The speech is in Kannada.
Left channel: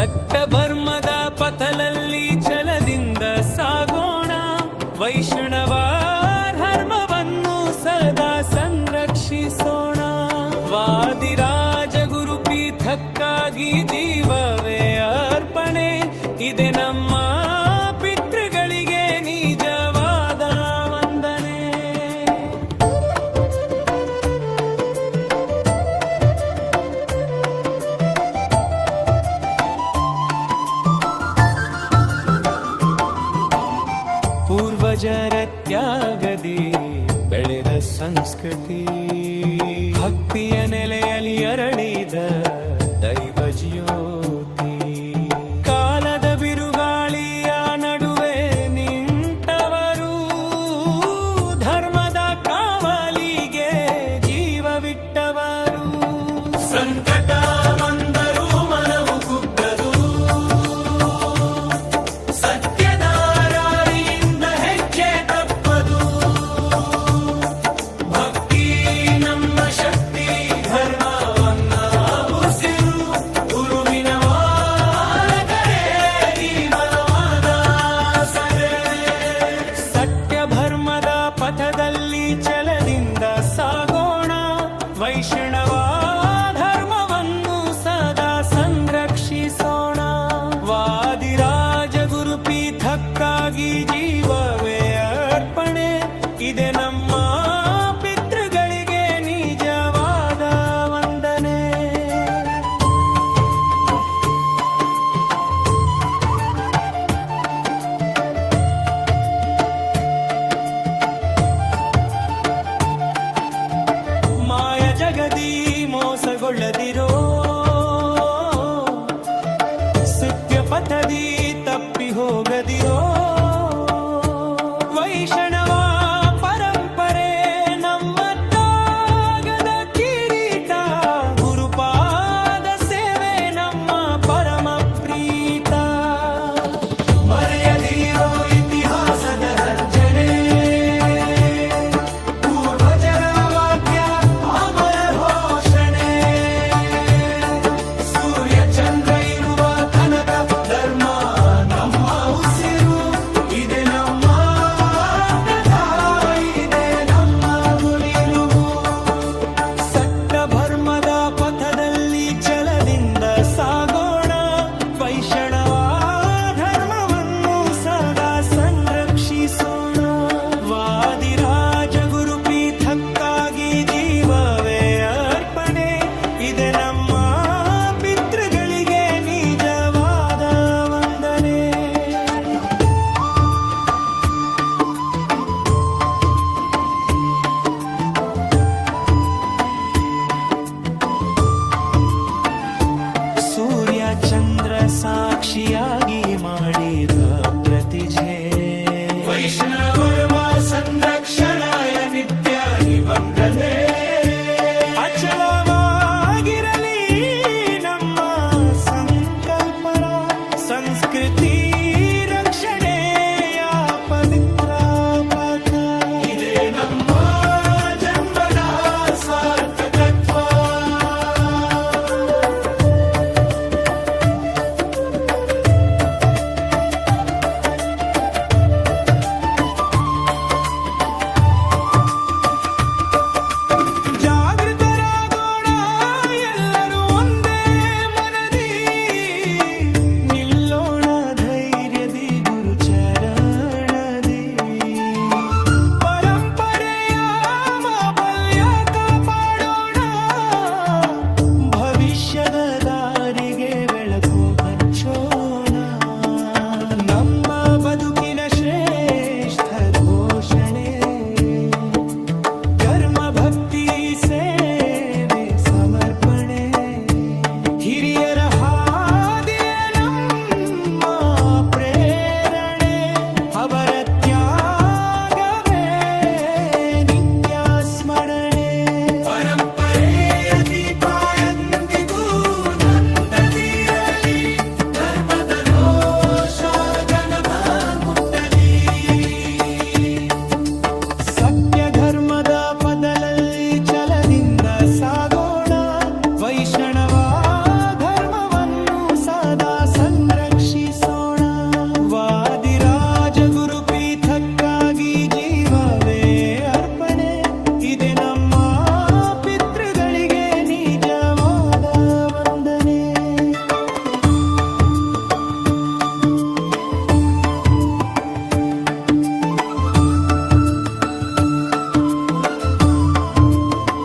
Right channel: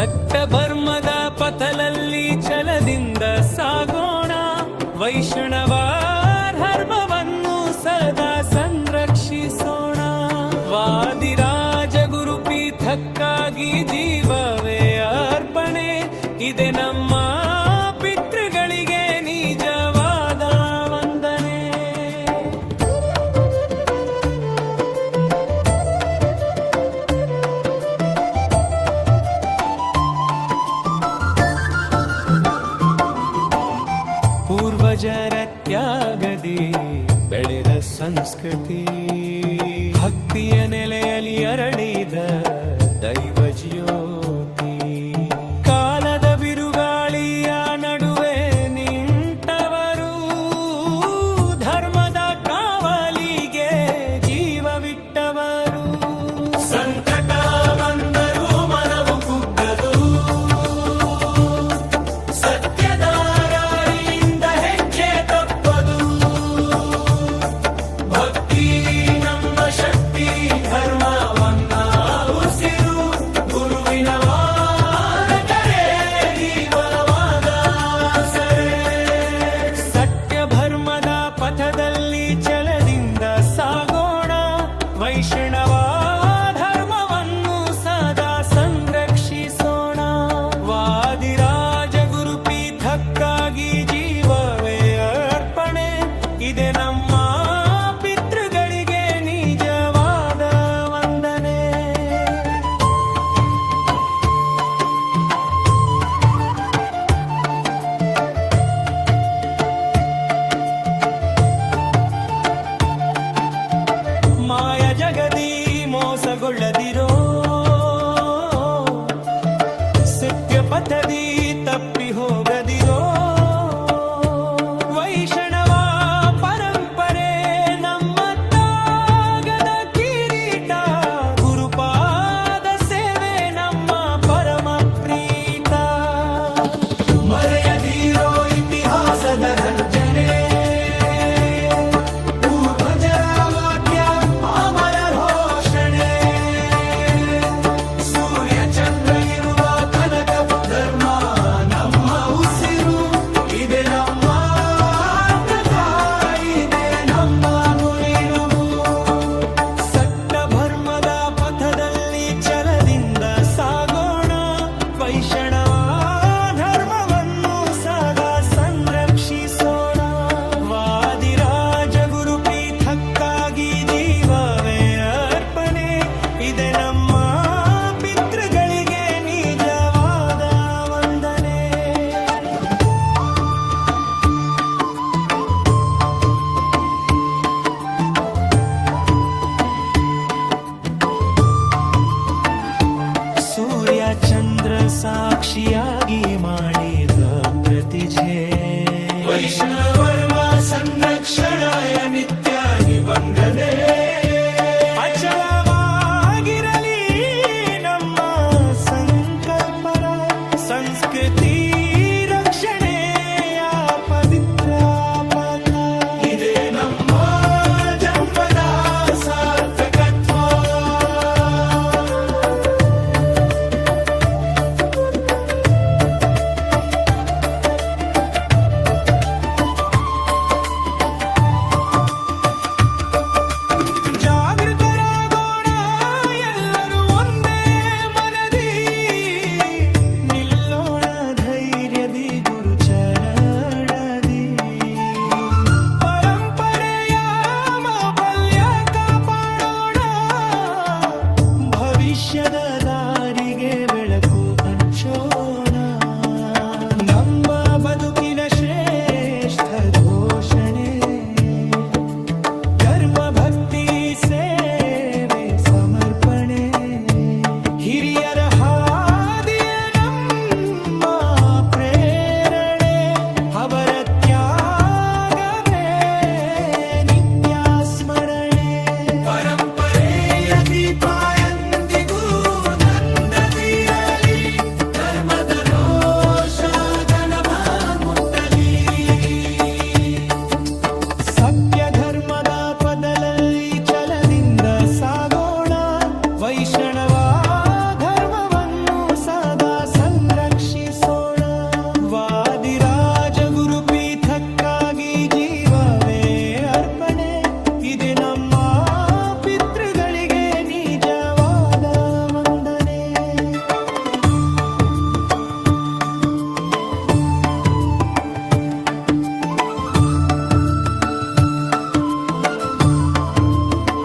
ಸತ್ಯಧರ್ಮದ ಪಥದಲ್ಲಿ ಛಲದಿಂದ ಸಾಗೋಣ, ವೈಷ್ಣವ ಧರ್ಮವನ್ನು ಸದಾ ಸಂರಕ್ಷಿಸೋಣ. ವಾದಿರಾಜ ಗುರುಪೀಠಕ್ಕಾಗಿ ಜೀವವೇ ಅರ್ಪಣೆ, ಇದೆ ನಮ್ಮ ಪಿತೃಗಳಿಗೆ ನಿಜವಾದ ವಂದನೆ. ಪೂರ್ವಜರ ತ್ಯಾಗದಿ ಬೆಳೆದ ಸಂಸ್ಕೃತಿ, ಭಕ್ತಿಯ ನೆಲೆಯಲ್ಲಿ ಅರಳಿದ ದೈವ ಜ್ಯೋತಿ. ಕಾಲದ ಬಿರುಗಾಳಿಯ ನಡುವೆ ನಿಂತವರು, ಧರ್ಮದ ಕಾವಲಿಗೆ ಜೀವವಿಟ್ಟವರು. ಸಂಕಟ ಬಂದರು ಮನವು ಕುಗ್ಗದು, ಸತ್ಯದ ದಾರಿಯಿಂದ ಹೆಜ್ಜೆ ತಪ್ಪದು. ಭಕ್ತಿ ನಮ್ಮ ಶಕ್ತಿ, ಧರ್ಮವನ್ನ ಉಸಿರು, ಗುರುವಿನ ವಾರಕರೇ ಜೀವನವಾದ ಸರೆ. ಸತ್ಯಧರ್ಮದ ಪಥದಲ್ಲಿ ಛಲದಿಂದ ಸಾಗೋಣ, ವೈಷ್ಣವ ಧರ್ಮವನ್ನು ಸದಾ ಸಂರಕ್ಷಿಸೋಣ. ವಾದಿರಾಜ ಗುರುಪೀಠಕ್ಕಾಗಿ ಜೀವವೇ ಅರ್ಪಣೆ, ಇದೆ ನಮ್ಮ ಪಿತೃಗಳಿಗೆ ನಿಜವಾದ ವಂದನೆ. ಮಾಯ ಜಗದಿ ಮೋಸಗೊಳ್ಳದಿರೋ, ಸತ್ಯ ಪಥದಿ ತಪ್ಪಿ ಹೋಗದಿರೋ. ವೈಷ್ಣವ ಪರಂಪರೆ ನಮ್ಮ ತಾಗದ ಕಿರೀಟ, ಗುರುಪಾದ ಸೇವೆ ನಮ್ಮ ಪರಮ ಪ್ರೀತ. ಮರೆಯದಿರೋ ಇತಿಹಾಸದ ಗರ್ಜನೆ, ಪೂರ್ವಜರ ವಾಕ್ಯ ಅಮರ ಘೋಷಣೆ. ಸೂರ್ಯ ಚಂದ್ರ ಇರುವ ತನಕ ಧರ್ಮ ನಮ್ಮ ಉಸಿರು, ಇದೆ ನಮ್ಮ ವ್ರತ, ಇದೆ ನಮ್ಮ ನುಡಿರು. ಸತ್ಯಧರ್ಮದ ಪಥದಲ್ಲಿ ಛಲದಿಂದ ಸಾಗೋಣ, ವೈಷ್ಣವ ಧರ್ಮವನ್ನು ಸದಾ ಸಂರಕ್ಷಿಸೋಣ. ವಾದಿರಾಜ ಗುರುಪೀಠಕ್ಕಾಗಿ ಜೀವವೇ ಅರ್ಪಣೆ, ಇದೆ ನಮ್ಮ ಪಿತೃಗಳಿಗೆ ನಿಜವಾದ ವಂದನೆ. ಸೂರ್ಯ ಚಂದ್ರ ಸಾಕ್ಷಿಯಾಗಿ ಮಾಡಿದ ಪ್ರತಿಜ್ಞೆ, ವೈಷ್ಣವ ಸಂರಕ್ಷಣಾಯ ನಿತ್ಯ ನಿಬಂಧನೆ. ಅಚಲವಾಗಿರಲಿ ನಮ್ಮ ಸಂಕಲ್ಪರ, ಸಂಸ್ಕೃತಿ ರಕ್ಷಣೆಯ ಪವಿತ್ರ ಪಥ. ಇದೆ ನಮ್ಮ ಜನ್ಮದ ಸಾರ್ಥಕತ್ವ. ಜಾಗೃತರಾಗೋಣ ಎಲ್ಲರೂ ಒಂದೇ ಮನದಿ, ನಿಲ್ಲೋಣ ಧೈರ್ಯದಿ ಗುರು ಚರಣದಿ. ಪರಂಪರೆಯ ಮಾಪಲ್ಯ ಕಾಪಾಡೋಣ, ಭವಿಷ್ಯದ ದಾರಿಗೆ ಬೆಳಕು ಹಂಚೋಣ. ನಮ್ಮ ಬದುಕಿನ ಶ್ರೇಷ್ಠ ಘೋಷಣೆ, ಧರ್ಮ ಭಕ್ತಿ ಸೇವೆ ಸಮರ್ಪಣೆ. ಹಿರಿಯರ ಹಾದಿಯ ನಮ್ಮ ಪ್ರೇರಣೆ, ಅವರ ತ್ಯಾಗವೇ ನಿತ್ಯ ಸ್ಮರಣೆ. ಪರಂಪರೆಯ ದೀಪ ಎಂದಿಗೂ ನಂದದಿರಲಿ, ಧರ್ಮದ ರೋಷ ಮುಟ್ಟಲಿ. ಸತ್ಯಧರ್ಮದ ಪದದಲ್ಲಿ ಛಲದಿಂದ ಸಾಗೋಣ, ವೈಷ್ಣವ ಧರ್ಮವನ್ನು ಸದಾ ಸಂರಕ್ಷಿಸೋಣ. ವಾದಿರಾಜ ಗುರುಪೀಠಕ್ಕಾಗಿ ಜೀವವೇ ಅರ್ಪಣೆ, ಇದೆ ನಮ್ಮ